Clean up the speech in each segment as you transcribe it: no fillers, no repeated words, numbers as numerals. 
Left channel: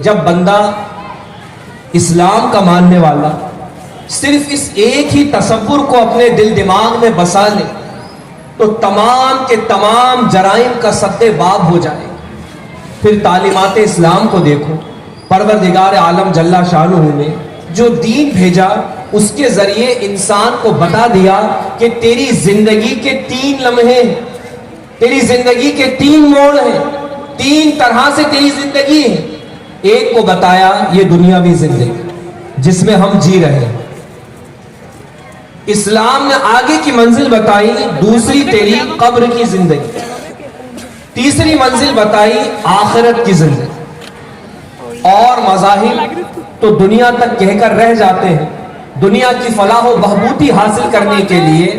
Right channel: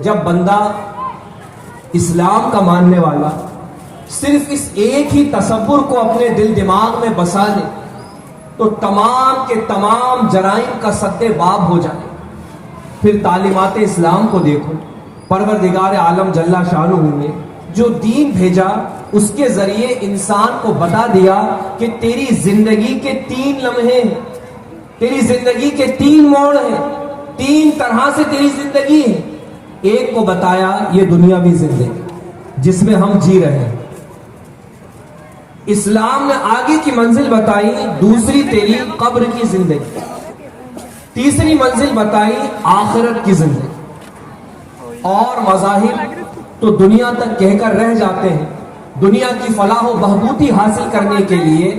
جب بندہ اسلام کا ماننے والا صرف اس ایک ہی تصور کو اپنے دل دماغ میں بسا لے تو تمام کے تمام جرائم کا سد باب ہو جائے. پھر تعلیمات اسلام کو دیکھو. پروردگار عالم جل شانہ نے جو دین بھیجا اس کے ذریعے انسان کو بتا دیا کہ تیری زندگی کے 3 لمحے، تیری زندگی کے 3 موڑ ہیں، 3 طرح سے تیری زندگی ہے. ایک کو بتایا یہ دنیاوی زندگی جس میں ہم جی رہے ہیں. اسلام نے آگے کی منزل بتائی، دوسری تیری قبر کی زندگی. تیسری منزل بتائی آخرت کی زندگی. اور مذاہب تو دنیا تک کہہ کر رہ جاتے ہیں. دنیا کی فلاح و بہبودی حاصل کرنے کے لیے،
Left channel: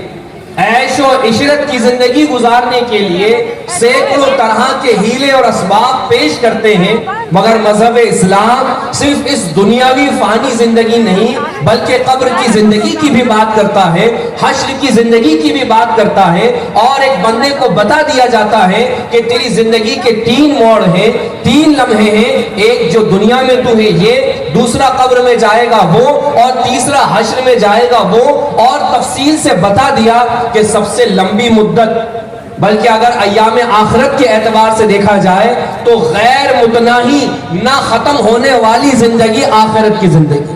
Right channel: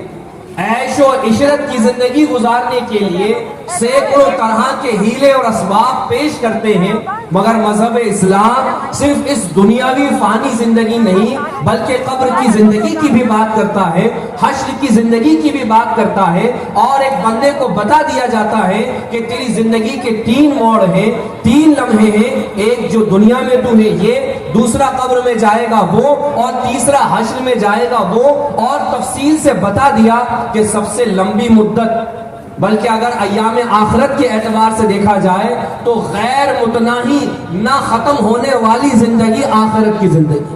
عیش و عشرت کی زندگی گزارنے کے لیے سینکڑوں طرح کے ہیلے اور اسباب پیش کرتے ہیں. مگر مذہب اسلام صرف اس دنیاوی فانی زندگی نہیں بلکہ قبر کی زندگی کی بھی بات کرتا ہے، حشر کی زندگی کی بھی بات کرتا ہے. اور ایک بندے کو بتا دیا جاتا ہے کہ تیری زندگی کے 3 موڑ ہیں، 3 لمحے ہیں. ایک جو دنیا میں تو ہے یہ، دوسرا قبر میں جائے گا وہ، اور تیسرا حشر میں جائے گا وہ. اور تفصیل سے بتا دیا کہ سب سے لمبی مدت، بلکہ اگر ایام آخرت کے اعتبار سے دیکھا جائے تو غیر متناہی نہ ختم ہونے والی زندگی آخرت کی زندگی.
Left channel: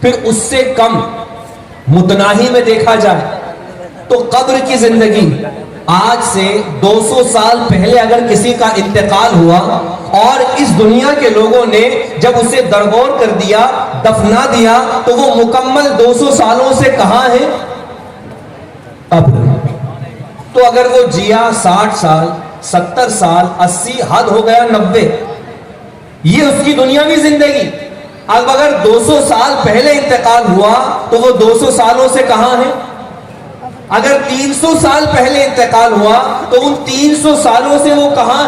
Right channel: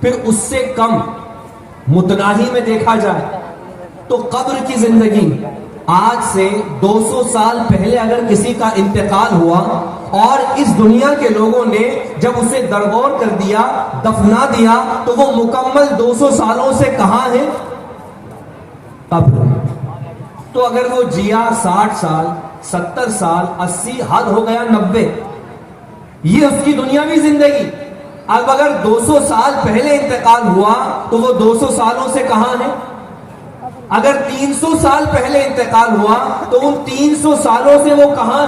پھر اس سے کم متناہی میں دیکھا جائے تو قبر کی زندگی. آج سے 200 سال پہلے اگر کسی کا انتقال ہوا اور اس دنیا کے لوگوں نے جب اسے درگور کر دیا، دفنا دیا، تو وہ مکمل 200 سالوں سے کہاں ہے؟ قبر. تو اگر وہ جیا 60 سال، 70 سال، 80، حد ہو گیا 90، یہ اس کی دنیاوی زندگی. اب اگر 200 سال پہلے انتقال ہوا تو وہ 200 سالوں سے کہاں ہے؟ اگر 300 سال پہلے انتقال ہوا تو ان 300 سالوں سے وہ کہاں؟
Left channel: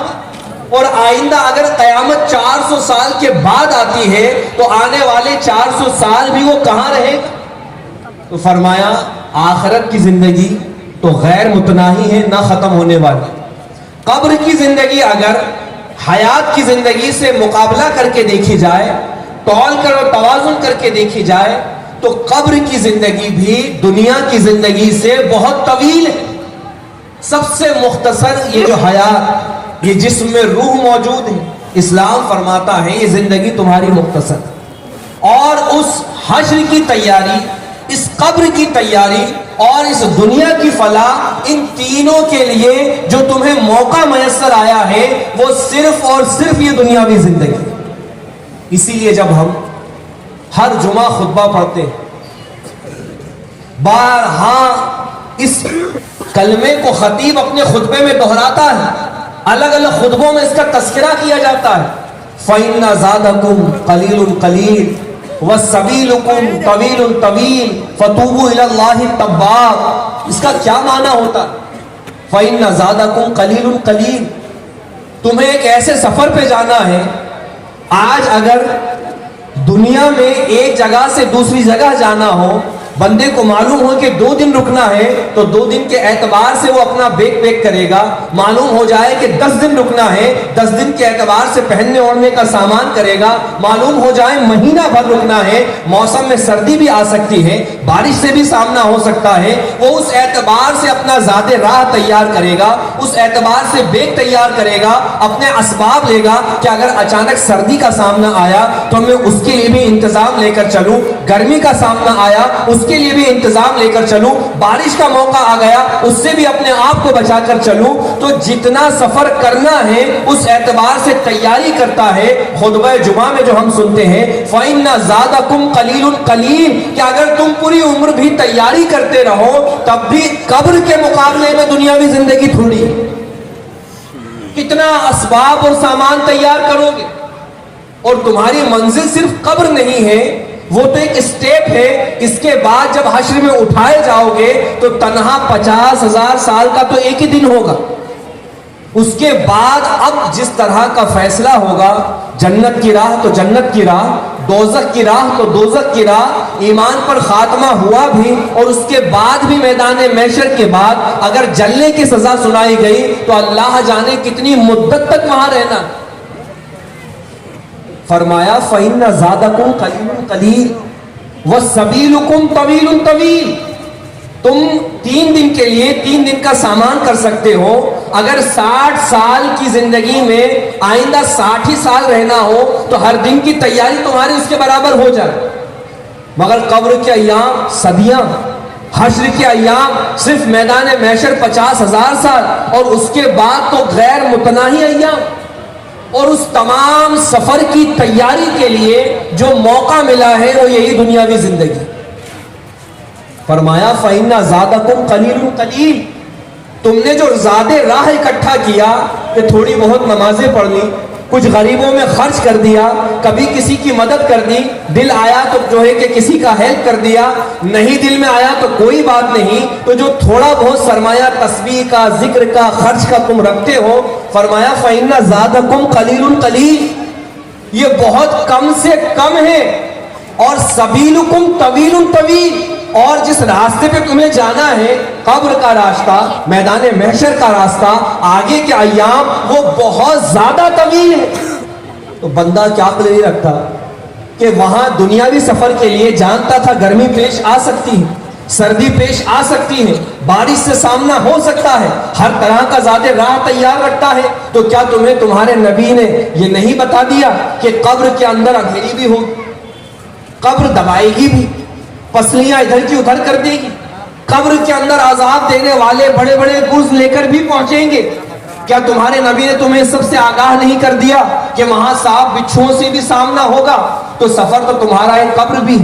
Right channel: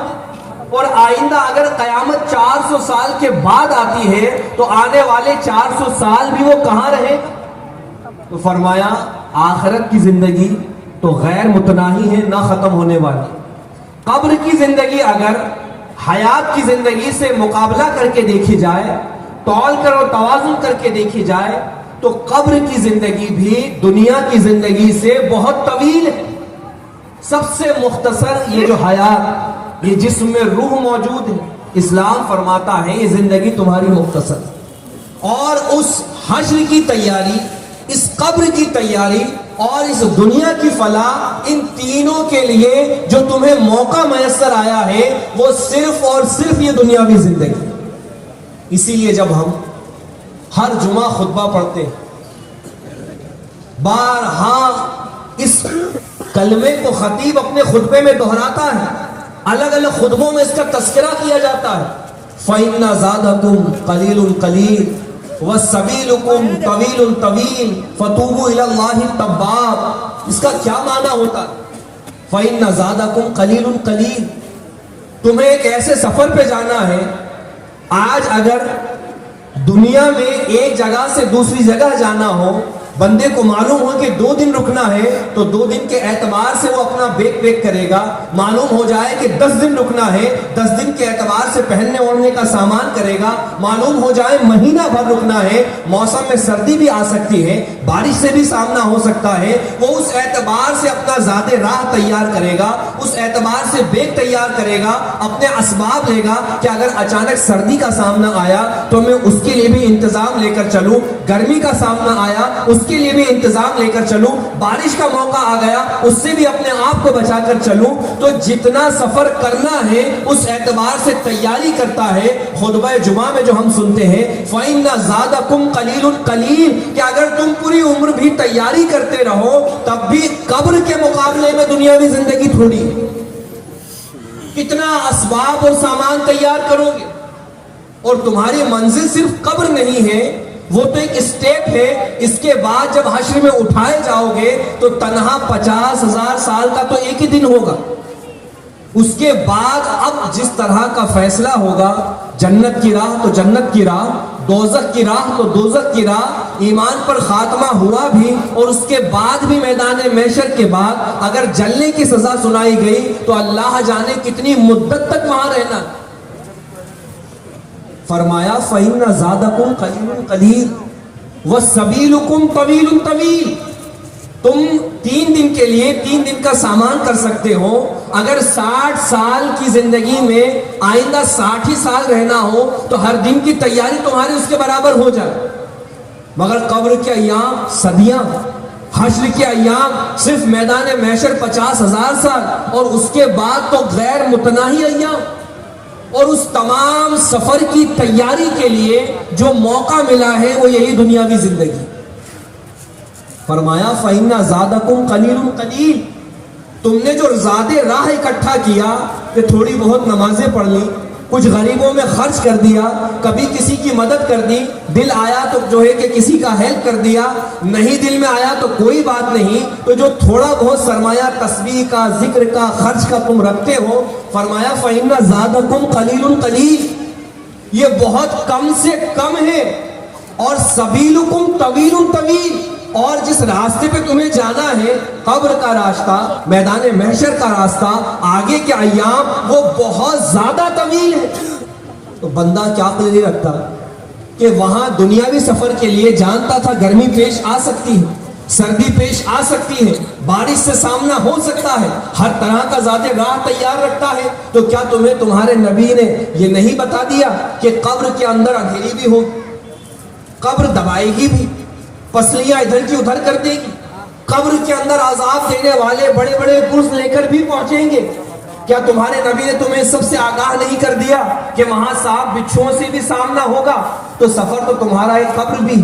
اور آئندہ اگر قیامت 400 سال کے بعد آتی ہے تو آنے والے 400 سال بھی وہ کہاں رہے؟ تو فرمایا آخرت کی زندگی تو غیر متناہی ہے، نہ ختم ہونے والی. قبر کی زندگی اگر حیات کی زندگی سے مقابلہ کر کے دیکھی جائے، تول کر اور توازن کر کے دیکھی جائے، تو قبر کی زندگی بھی دنیا کی زندگی سے بہت طویل ہے. سب سے مختصر یہ جو حیات، یہ جسم میں روح موجود ہے، اسلام فرماتا ہے یہ زندگی تمہاری مختصر. اور اس حشر کی تیاری، اس قبر کی تیاری اور اس دنیا کی فلاح، ان تینوں کے لیے جو تمہیں موقع میسر آیا ہے وہ صرف اور صرف یہ دنیاوی زندگی. اسی لیے جب ہم ہر جمعہ خطبہ پڑھتے ہیں، بارہا اس کلمے کو خطیب اپنے خطبے میں دہراتا ہے، الگ الگ خطبوں میں اس کا تذکرہ کیا جاتا ہے. فَإِنَّ زَادَكُمْ قَلِيلٌ قَلِيلٌ وَالسَّبِيلُكُمْ طَوِيلٌ طَوِيلٌ فَتُوبُوا إِلَى اللَّهِ التَّوَّابِ. اس کا کیا معنی ہوتا؟ فَإِنَّ زَادَكُمْ قَلِيلٌ قَلِيلٌ. تمہیں ایک ایسے سفر پہ جانا ہے. آج اگر دنیا میں ایک جگہ سے دوسری جگہ جانا ہو، بندے کو معلوم ہو کہ 2 دن رکنا ہے تو 2 دن کے اعتبار سے وہ اپنا بیگ پیک کرے گا. معلوم ہو جائے کہ 10 دن رکنا ہے، 10 دن کے اعتبار سے پہننے اوڑھنے کا سامان کرے گا. معلوم ہو جائے مہینہ بھر رکنا ہے، موسم میں سردی بھی آ سکتی ہے، بارش سے بھی سامنا ہو سکتا ہے، وہ اس اعتبار سے اپنا ذات راہ تیار کرے گا، اس اعتبار سے بیگ تیار کرے گا، اپنے اسباب لے گا کہ اگر اچانک سردی کا سامنا آیا تو میں اس کے لیے بھی انتظام لے کر چلوں، گرمی کا سامنا آیا اس کے لیے بھی انتظام لے کر چلوں، بارش کا موقع آ گیا اس سے بھی اپنے آپ کو بچا کر چلوں. تو جتنا سفر کرنا ہے اس اعتبار سے تیاری کرتا ہے. خطبہ جمعہ میں جو ہم سنتے ہیں فَإِنَّ زَادَكُمْ قَلِيلٌ قَلِيلٌ، کہ اگر تم پوری عمر بھی تیاری کرتے رہو تب بھی قبر کے مقابلے میں دنیاوی زندگی تھوڑی. کتنا اسباب اور سامان تیار کرو گے، اور تمہاری منزل صرف قبر نہیں ہے، وہ تو ایک اسٹیپ ہے. اس کے بعد جب حشر میں اٹھائے جاؤ گے تو تنہا 50,000 سال کا تو ایک ہی دن ہوگا. اس کے بعد اب جس طرح کا فیصلہ ہوگا، جنت کی راہ تو جنت کی راہ، دوزخ کی راہ تو دوزخ کی راہ. ایمان پر خاتمہ ہوا بھی اور اس کے بعد بھی میدان محشر کے بعد اگر جلنے کی سزا سنائی گئی تو اللہ جانے کتنی مدت تک وہاں رہنا. فرمایا فَإِنَّ زَادَكُمْ قَلِيلٌ قَلِيلٌ وَالسَّبِيلُكُمْ طَوِيلٌ طَوِيلٌ. تم 3 دن کے لیے 3 دن کا سامان کر سکتے ہو. اگر 60 سال کی زندگی میں آئندہ 60 ہی سال رہنا ہو تو ہر دن کی تیاری تمہاری اس کے برابر ہو جائے. مگر قبر کے ایام صدیاں، حشر کے ایام صرف میدان محشر 50,000 سال، اور اس کے بعد تو غیر متناہی ایام. اور اس تمام سفر کی تیاری کے لیے جو موقع ملا ہے وہ یہی دنیاوی زندگی. فرمایا فَإِنَّ زَادَكُمْ قَلِيلٌ قَلِيلٌ. تم نے جو زاد راہ اکٹھا کیا کہ تھوڑی بہت نمازیں پڑھ لی، کچھ غریبوں میں خرچ کر دیا، کبھی کسی کی مدد کر دی، دل آیا تو جو ہے کہ کسی کا ہیلپ کر دیا، نہیں دل میں آیا تو کوئی بات نہیں. تو جو تھوڑا بہت سرمایہ تسبیح کا، ذکر کا، خرچ کا تم رکھتے ہو، فرمایا فَإِنَّ زَادَكُمْ قَلِيلٌ قَلِيلٌ. یہ بہت کم سے کم ہے. اور سبیلکم طویل طویل. اور جس راستے پہ تمہیں جانا ہے، قبر کا راستہ، میدان محشر کا راستہ، آگے کے ایام، وہ بہت زیادہ طویل ہے. تو بندہ کیا عقل نہیں رکھتا کہ وہاں دنیاوی سفر کے لیے جانتا تھا گرمی پیش آ سکتی ہے، سردی پیش آ سکتی ہے، بارش سے سامنا ہو سکتا ہے، ہر طرح کا زاد راہ تیار رکھتا ہے. تو کیا تمہیں تمہارے نبی نے یہ نہیں بتا دیا کہ قبر کے اندر اندھیری بھی ہوگی، قبر دبائے گی بھی، پسلیاں ادھر کی ادھر کر دے گی، قبر کے اندر عذاب دینے والے بڑے بڑے گرز لے کر بھی پہنچیں گے؟ کیا تمہارے نبی نے تمہیں سب سے آگاہ نہیں کر دیا کہ وہاں سانپ بچھوؤں سے بھی سامنا ہوگا؟ تو سفر تو تمہارا ایک قبر بھی.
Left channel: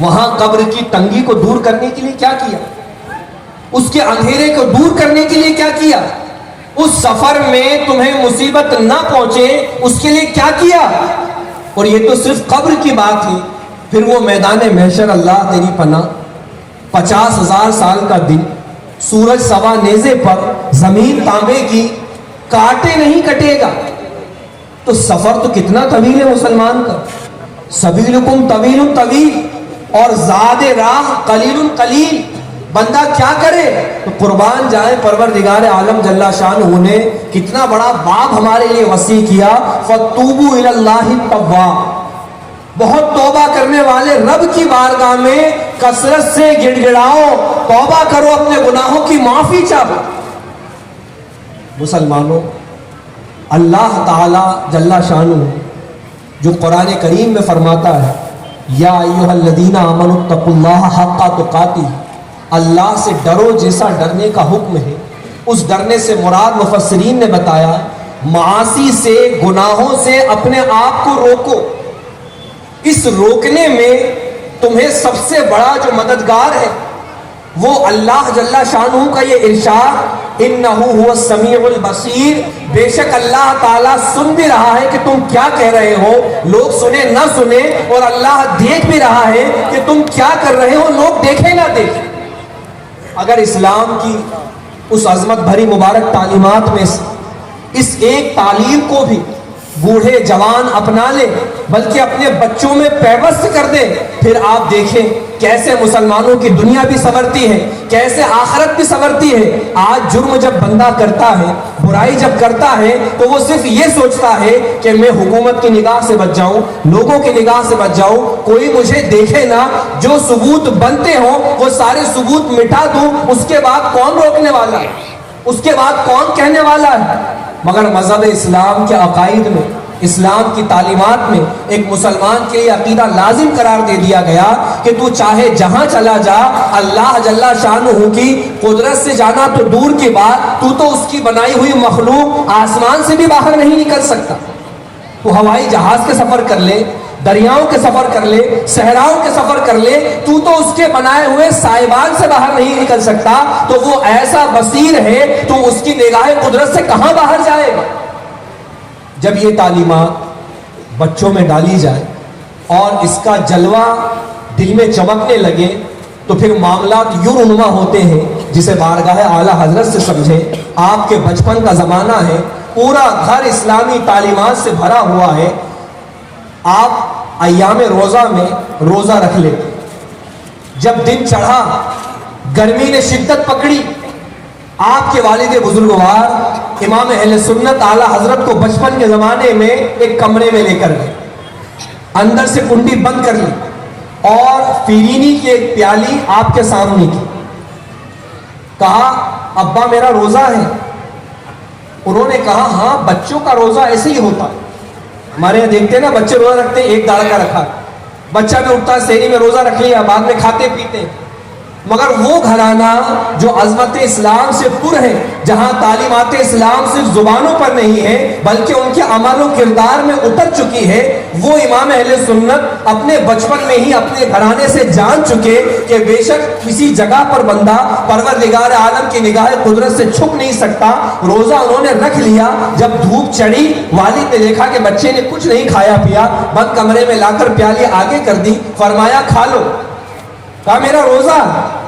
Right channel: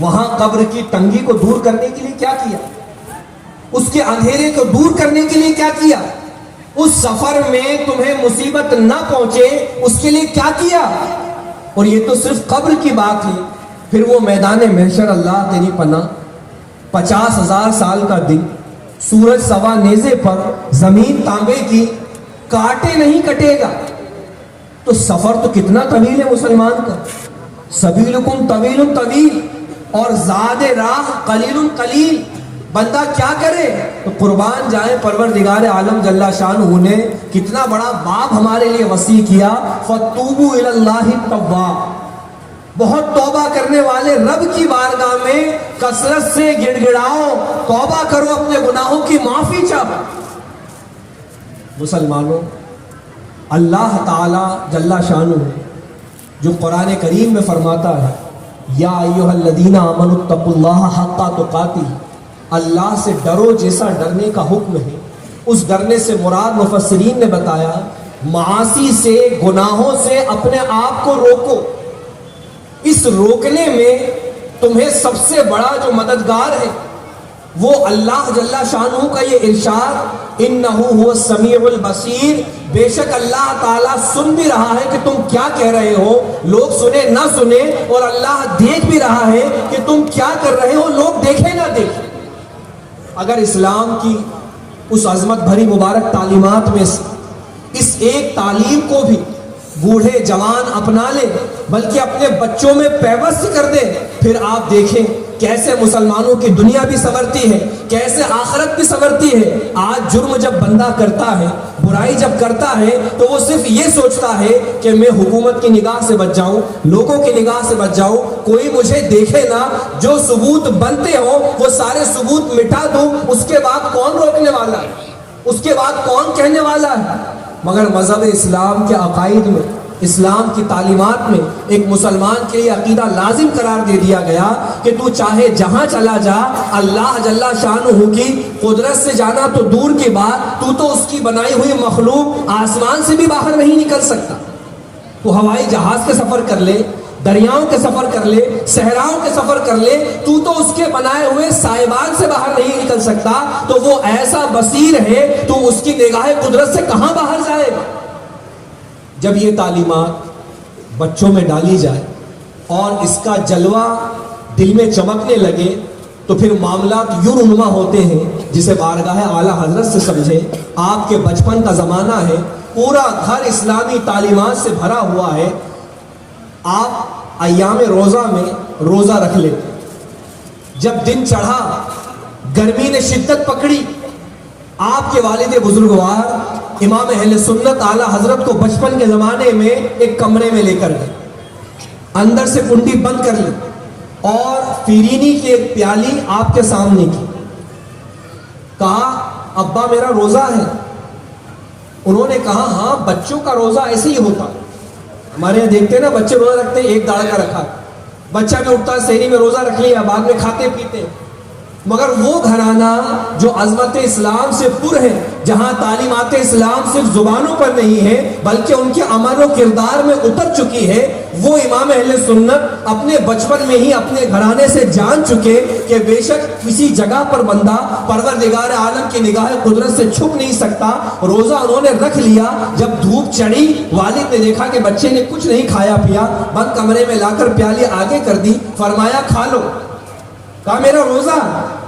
وہاں قبر کی تنگی کو دور کرنے کے لیے کیا کیا؟ اس کے اندھیرے کو دور کرنے کے لیے کیا کیا؟ اس سفر میں تمہیں مصیبت نہ پہنچے اس کے لیے کیا کیا؟ اور یہ تو صرف قبر کی بات ہے. پھر وہ میدان محشر، اللہ تیری پناہ، 50,000 سال کا دن، سورج سوا نیزے پر، زمین تانبے کی، کاٹے نہیں کٹے گا. تو سفر تو کتنا طویل ہے مسلمان کا. سبیلکم طویل طویل اور زاد راہ قلیل قلیل. بندہ کیا کرے؟ تو قربان جائیں پروردگار عالم جل شانہ نے کتنا بڑا باب ہمارے لیے وسیع کیا. فَتُوبُوا إِلَى اللَّهِ التَّوَّابِ. بہت توبہ کرنے والے رب کی بارگاہ میں کثرت سے گڑ گڑاؤ، توبہ کرو، اپنے گناہوں کی معافی چاہو. مسلمانوں، اللہ تعالی جل شانہ جو قرآن کریم میں فرماتا ہے یا ایھا الذین آمنوا اتقوا اللہ حق تقاتہ، اللہ سے ڈرو جیسا ڈرنے کا حکم ہے. اس ڈرنے سے مراد مفسرین نے بتایا معاصی سے، گناہوں سے اپنے آپ کو روکو. اس روکنے میں تمہیں سب سے بڑا جو مددگار ہے وہ اللہ جل شانہ کا یہ ارشاد انہ هو السمیع البصیر. بے شک اللہ تعالیٰ سن بھی رہا ہے کہ تم کیا کہہ رہے ہو، لوگ سنے نہ سنے، اور اللہ دیکھ بھی رہا ہے کہ تم کیا کر رہے ہو، لوگ دیکھیں نہ دیکھیں. اگر اسلام کی اس عظمت بھری مبارک تعلیمات میں اس ایک تعلیم کو بھی بوڑھے جوان اپنا لیں، بلکہ اپنے بچوں میں پیوست کر دیں، پھر آپ دیکھیں کیسے مسلمانوں کی دنیا بھی سنورتی ہے، کیسے آخرت بھی سنورتی ہے. آج جرم جب بندہ کرتا ہے، برائی جب کرتا ہے، تو وہ صرف یہ سوچتا ہے کہ میں حکومت کی نگاہ سے بچ جاؤں، لوگوں کی نگاہ سے بچ جاؤں، کوئی مجھے دیکھے نہ، جو ثبوت بنتے ہوں وہ سارے ثبوت مٹا دوں. اس کے بعد کون روکنے والا ہے، اس کے بعد کون کہنے والا ہے؟ مگر مذہب اسلام کے عقائد میں، اسلام کی تعلیمات میں ایک مسلمان کے لیے عقیدہ لازم قرار دے دیا گیا کہ تو چاہے جہاں چلا جا، اللہ جل شانہ کی قدرت سے جانا تو دور کی بات، تو اس کی بنائی ہوئی مخلوق آسمان سے بھی باہر نہیں نکل سکتا. تو ہوائی جہاز کے سفر کر لے، دریاؤں کے سفر کر لے، صحراؤں کے سفر کر لے، تو اس کے بنائے ہوئے سائبان سے باہر نہیں نکل سکتا. تو وہ ایسا بصیر ہے، تو اس کی نگاہ قدرت سے کہاں باہر جائے گا؟ جب یہ تعلیمات بچوں میں ڈالی جائے اور اس کا جلوہ دل میں چمکنے لگے تو پھر معاملات یوں رونما ہوتے ہیں جسے بارگاہ اعلیٰ حضرت سے سمجھے. آپ کے بچپن کا زمانہ ہے، پورا گھر اسلامی تعلیمات سے بھرا ہوا ہے. آپ ایام روزہ میں روزہ رکھ لیں. جب دن چڑھا، گرمی نے شدت پکڑی، آپ کے والد بزرگوار امام اہل سنت اعلیٰ حضرت کو بچپن کے زمانے میں ایک کمرے میں لے کر گئے، اندر سے کنڈی بند کر لی اور فیرینی کی ایک پیالی آپ کے سامنے کی، کہا ابا میرا روزہ ہے۔ انہوں نے کہا ہاں بچوں کا روزہ ایسے ہی ہوتا ہے، ہمارے یہاں دیکھتے ہیں نا بچے روزہ رکھتے ہیں، ایک داڑھ کا رکھا، بچہ بھی اٹھتا ہے سحری میں روزہ رکھ لیا، بعد میں کھاتے پیتے ہیں۔ مگر وہ گھرانہ جو عظمت اسلام سے پر ہے، جہاں تعلیمات اسلام صرف زبانوں پر نہیں ہے بلکہ ان کے عمل و کردار میں اتر چکی ہے، وہ امام اہل سنت اپنے بچپن میں ہی اپنے گھرانے سے جان چکے کہ بے شک کسی جگہ پر بندہ پروردگار عالم کی نگاہ قدرت سے چھپ نہیں سکتا۔ روزہ انہوں نے رکھ لیا، جب دھوپ چڑھی والد نے دیکھا کہ بچے نے کچھ نہیں کھایا پیا، بند کمرے میں لا کر پیالی آگے کر دی، فرمایا کھا لو۔ کہا میرا روزہ،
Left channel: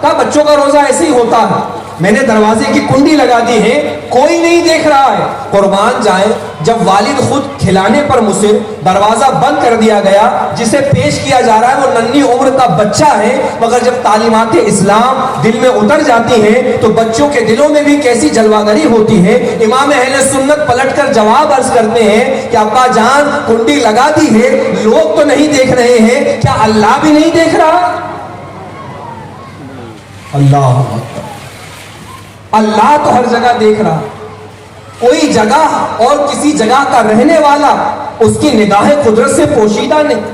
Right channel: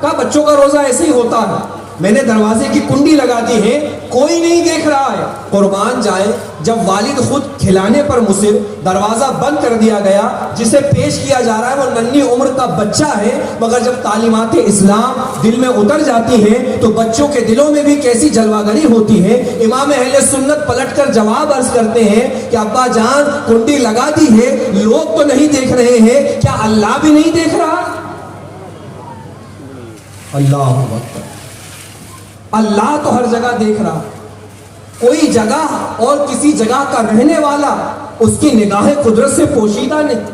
کہا بچوں کا روزہ ایسے ہی ہوتا ہے، میں نے دروازے کی کنڈی لگا دی ہے، کوئی نہیں دیکھ رہا ہے۔ قربان جائیں، جب والد خود کھلانے پر مصر، دروازہ بند کر دیا گیا، جسے پیش کیا جا رہا ہے وہ ننھی عمر کا بچہ ہے، مگر جب تعلیمات اسلام دل میں اتر جاتی ہیں تو بچوں کے دلوں میں بھی کیسی جلوہ گری ہوتی ہے۔ امام اہل سنت پلٹ کر جواب عرض کرتے ہیں کہ ابا جان کنڈی لگا دی ہے، لوگ تو نہیں دیکھ رہے ہیں، کیا اللہ بھی نہیں دیکھ رہا؟ اللہ اکبر، اللہ تو ہر جگہ دیکھ رہا، کوئی جگہ اور کسی جگہ کا رہنے والا اس کی نگاہ قدرت سے پوشیدہ نہیں۔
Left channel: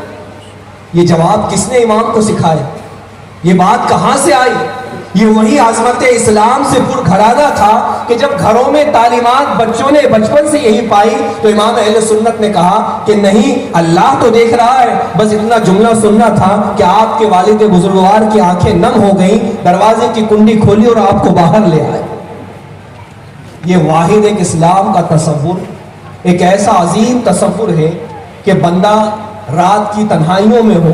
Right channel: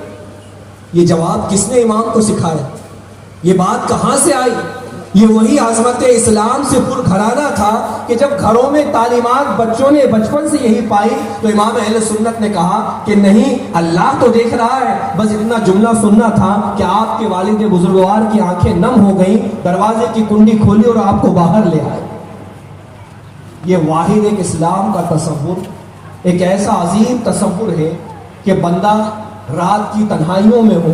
یہ جواب کس نے امام کو سکھایا؟ یہ بات کہاں سے آئی؟ یہ وہی عظمت اسلام سے پر گھرانہ تھا کہ جب گھروں میں تعلیمات بچوں نے بچپن سے یہی پائی تو امام اہل سنت نے کہا کہ نہیں، اللہ تو دیکھ رہا ہے، بس اتنا جملہ سننا تھا کہ آپ کے والد بزرگوار کی آنکھیں نم ہو گئیں، دروازے کی کنڈی کھولی اور آپ کو باہر لے آئے۔ یہ واحد ایک اسلام کا تصور، ایک ایسا عظیم تصور ہے کہ بندہ رات کی تنہائیوں میں ہو،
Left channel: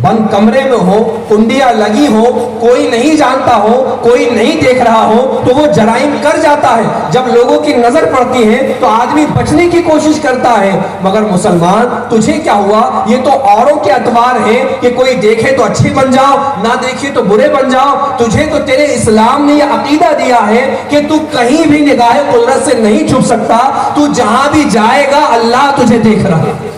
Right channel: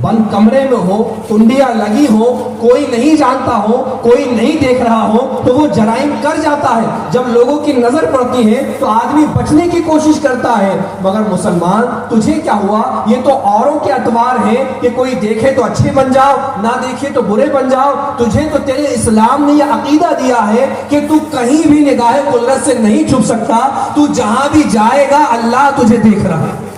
بند کمرے میں ہو، کنڈیاں لگی ہو، کوئی نہیں جانتا ہو، کوئی نہیں دیکھ رہا ہو تو وہ جرائم کر جاتا ہے۔ جب لوگوں کی نظر پڑتی ہے تو آدمی بچنے کی کوشش کرتا ہے، مگر مسلمان تجھے کیا ہوا؟ یہ تو اوروں کے اعتبار ہے کہ کوئی دیکھے تو اچھے بن جاؤ، نہ دیکھے تو برے بن جاؤ۔ تجھے تو تیرے اسلام نے یہ عقیدہ دیا ہے کہ تو کہیں بھی نگاہ قدرت سے نہیں چھپ سکتا، تو جہاں بھی جائے گا اللہ تجھے دیکھ رہا ہے۔